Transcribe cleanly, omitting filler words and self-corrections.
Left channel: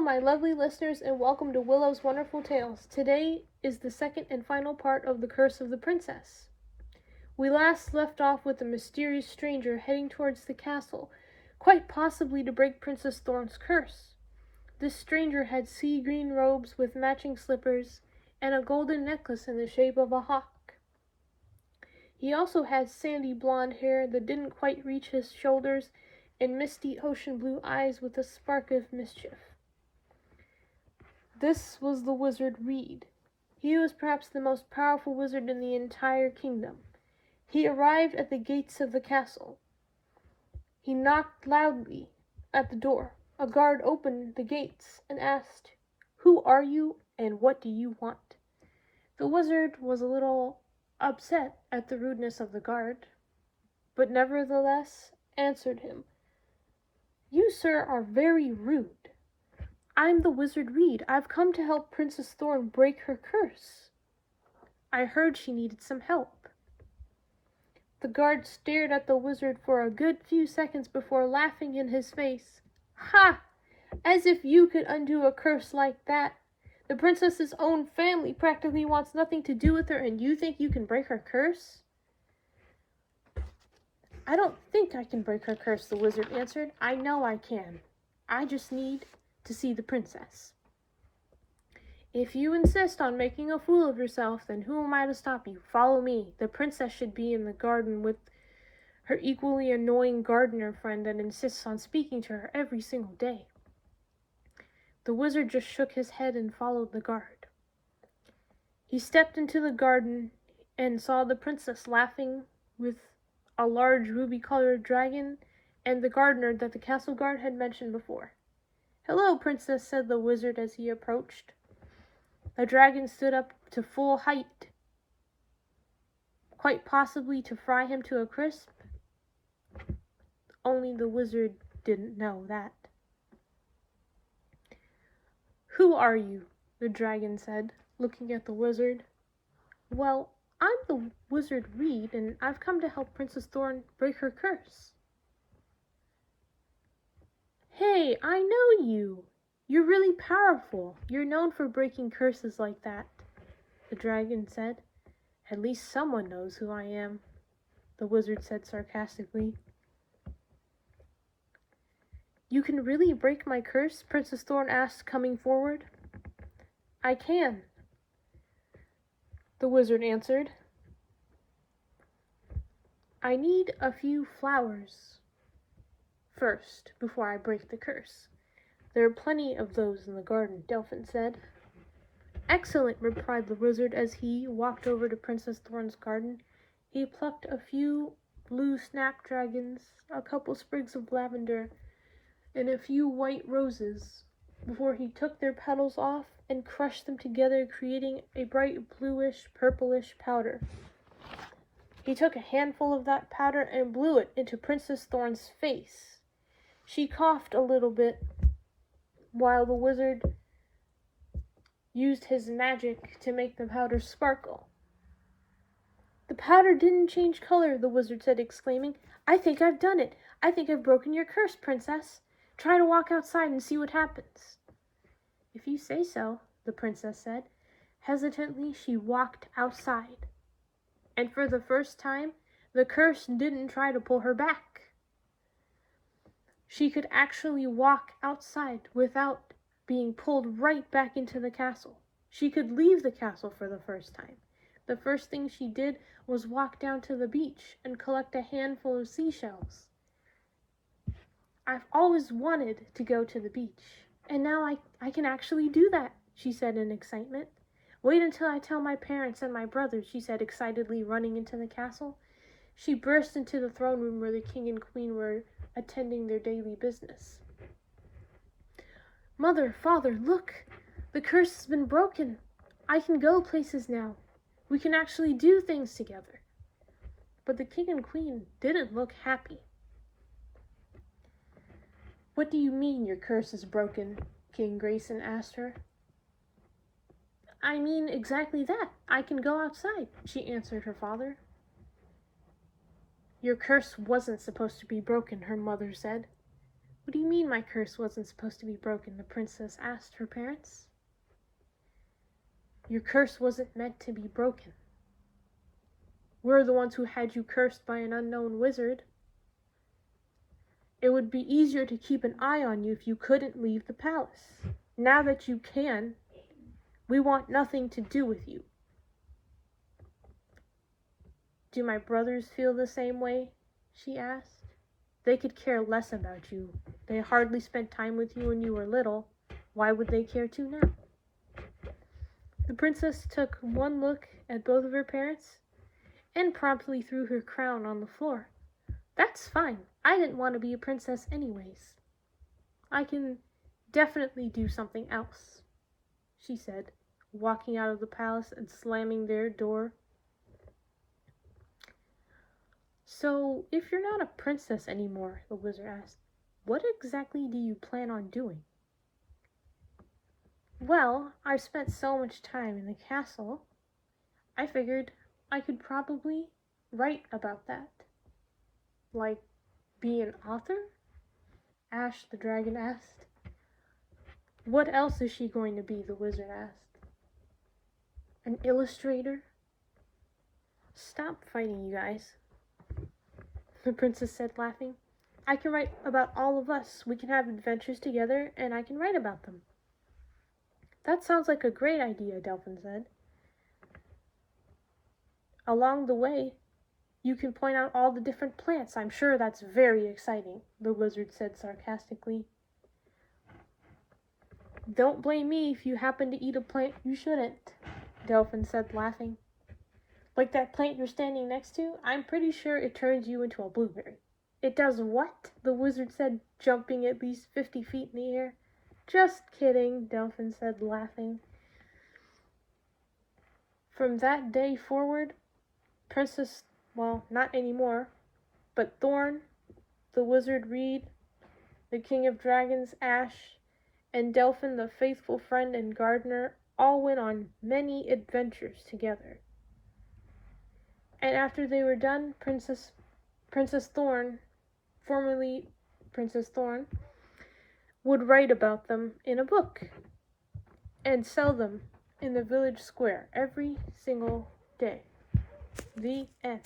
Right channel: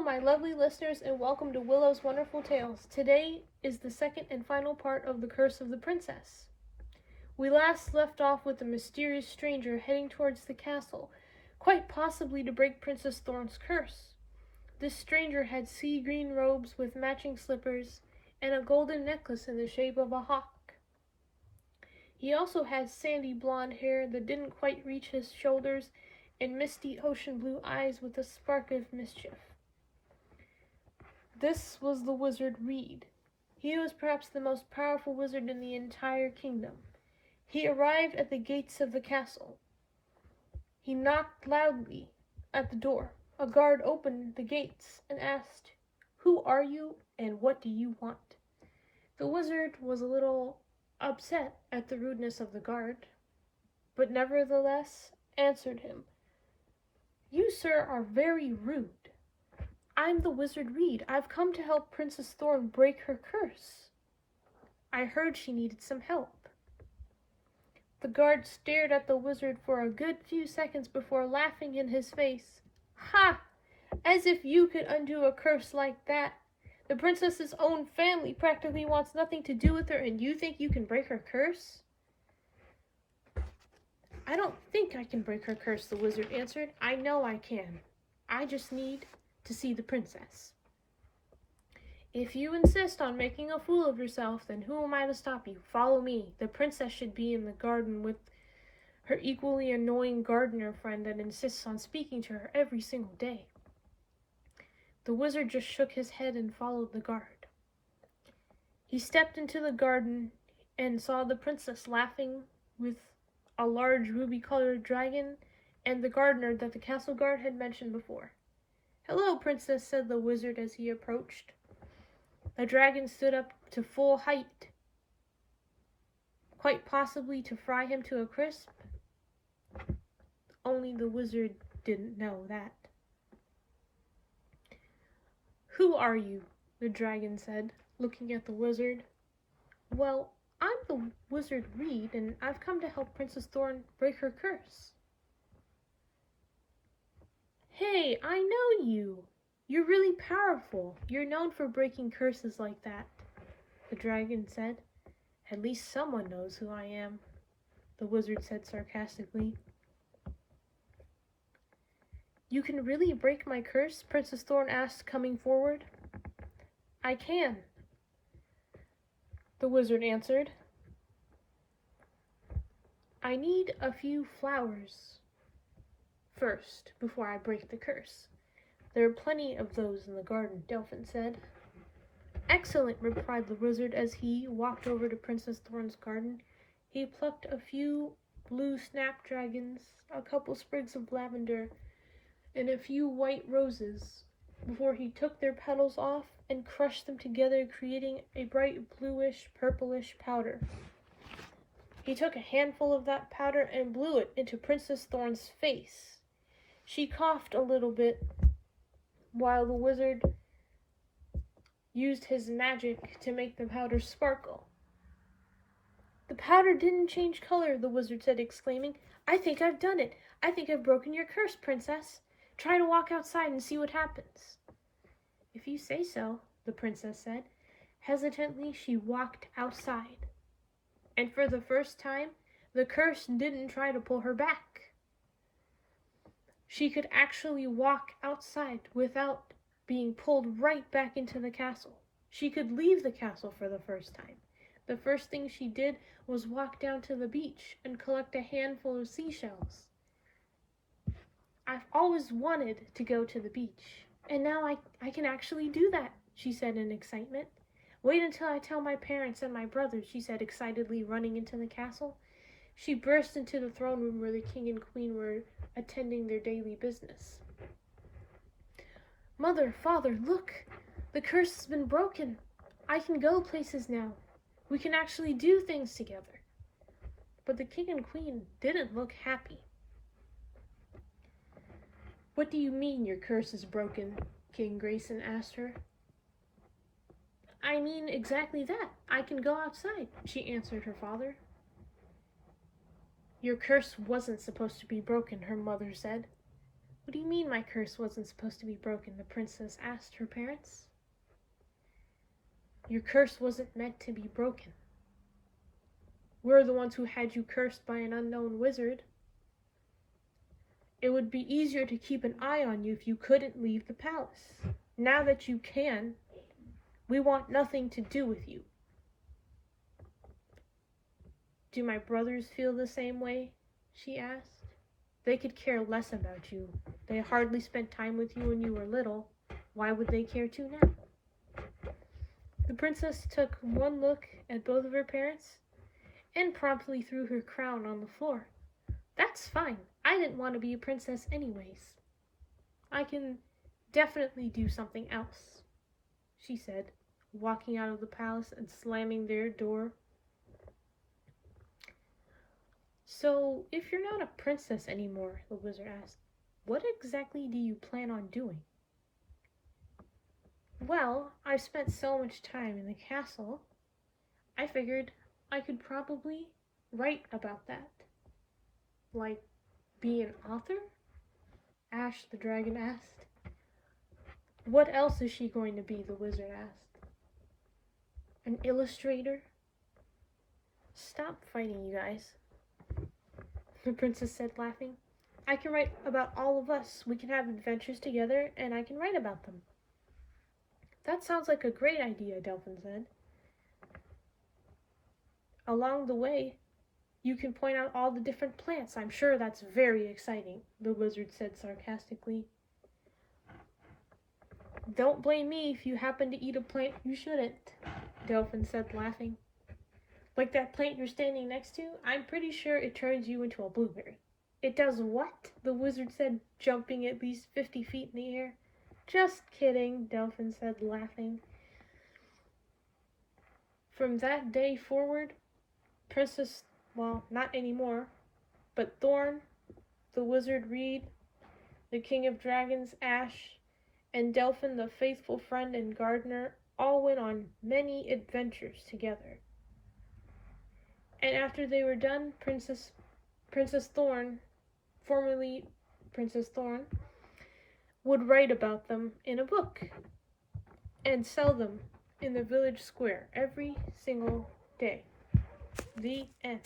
Hello, my lovely listeners, and welcome to Willow's Wonderful Tales. Today is the second and final part of The Curse of the Princess. We last left off with a mysterious stranger heading towards the castle, quite possibly to break Princess Thorn's curse. This stranger had sea green robes with matching slippers and a golden necklace in the shape of a hawk. He also had sandy blonde hair that didn't quite reach his shoulders and misty ocean blue eyes with a spark of mischief. This was the wizard Reed. He was perhaps the most powerful wizard in the entire kingdom. He arrived at the gates of the castle. He knocked loudly at the door. A guard opened the gates and asked, "Who are you and what do you want?" The wizard was a little upset at the rudeness of the guard, but nevertheless answered him. "You, sir, are very rude. I'm the wizard Reed. I've come to help Princess Thorn break her curse. I heard she needed some help." The guard stared at the wizard for a good few seconds before laughing in his face. "Ha! As if you could undo a curse like that. The princess's own family practically wants nothing to do with her, and you think you can break her curse?" "I don't think I can break her curse," the wizard answered. "I know I can. I just need to see the princess." "If you insist on making a fool of yourself, then who am I to stop you? Follow me. The princess should be in the garden with her equally annoying gardener friend that insists on speaking to her every single day." The wizard just shook his head and followed the guard. He stepped into the garden and saw the princess laughing with a large ruby-colored dragon and the gardener that the castle guard had mentioned before. "Hello, princess," said the wizard as he approached. The dragon stood up to full height, quite possibly to fry him to a crisp. Only the wizard didn't know that. "Who are you?" the dragon said, looking at the wizard. "Well, I'm the wizard Reed, and I've come to help Princess Thorn break her curse." "Hey, I know you! You're really powerful. You're known for breaking curses like that," the dragon said. "At least someone knows who I am," the wizard said sarcastically. "You can really break my curse?" Princess Thorn asked, coming forward. "I can," the wizard answered. "I need a few flowers first, before I break the curse. There are plenty of those in the garden," Delphin said. "Excellent," replied the wizard as he walked over to Princess Thorn's garden. He plucked a few blue snapdragons, a couple sprigs of lavender, and a few white roses before he took their petals off and crushed them together, creating a bright bluish, purplish powder. He took a handful of that powder and blew it into Princess Thorn's face. She coughed a little bit while the wizard used his magic to make the powder sparkle. "The powder didn't change color," the wizard said, exclaiming. "I think I've done it. I think I've broken your curse, princess. Try to walk outside and see what happens." "If you say so," the princess said. Hesitantly, she walked outside. And for the first time, the curse didn't try to pull her back. She could actually walk outside without being pulled right back into the castle. She could leave the castle for the first time. The first thing she did was walk down to the beach and collect a handful of seashells. "I've always wanted to go to the beach, and now I can actually do that," she said in excitement. "Wait until I tell my parents and my brothers," she said excitedly, running into the castle. She burst into the throne room where the king and queen were attending their daily business. "Mother, father, look! The curse has been broken. I can go places now. We can actually do things together." But the king and queen didn't look happy. "What do you mean your curse is broken?" King Grayson asked her. "I mean exactly that. I can go outside," she answered her father. "Your curse wasn't supposed to be broken," her mother said. What do you mean my curse wasn't supposed to be broken? The princess asked her parents. Your curse wasn't meant to be broken. We're the ones who had you cursed by an unknown wizard. It would be easier to keep an eye on you if you couldn't leave the palace. Now that you can, we want nothing to do with you. Do my brothers feel the same way? She asked. They could care less about you. They hardly spent time with you when you were little. Why would they care to now? The princess took one look at both of her parents and promptly threw her crown on the floor. That's fine. I didn't want to be a princess anyways. I can definitely do something else, she said, walking out of the palace and slamming their door. So, if you're not a princess anymore, the wizard asked, what exactly do you plan on doing? Well, I've spent so much time in the castle, I figured I could probably write about that. Like, be an author? Ash the dragon asked. What else is she going to be? The wizard asked. An illustrator? Stop fighting, you guys, the princess said, laughing. I can write about all of us. We can have adventures together, and I can write about them. That sounds like a great idea, Delphin said. Along the way, you can point out all the different plants. I'm sure that's very exciting, the wizard said sarcastically. Don't blame me if you happen to eat a plant you shouldn't, Delphin said, laughing. Like that plant you're standing next to, I'm pretty sure it turns you into a blueberry. It does what? The wizard said, jumping at least 50 feet in the air. Just kidding, Delphin said, laughing. From that day forward, not anymore, but Thorn, the wizard Reed, the king of dragons Ash, and Delphin, the faithful friend and gardener, all went on many adventures together. And after they were done, Princess Thorn, formerly Princess Thorn, would write about them in a book and sell them in the village square every single day. The end.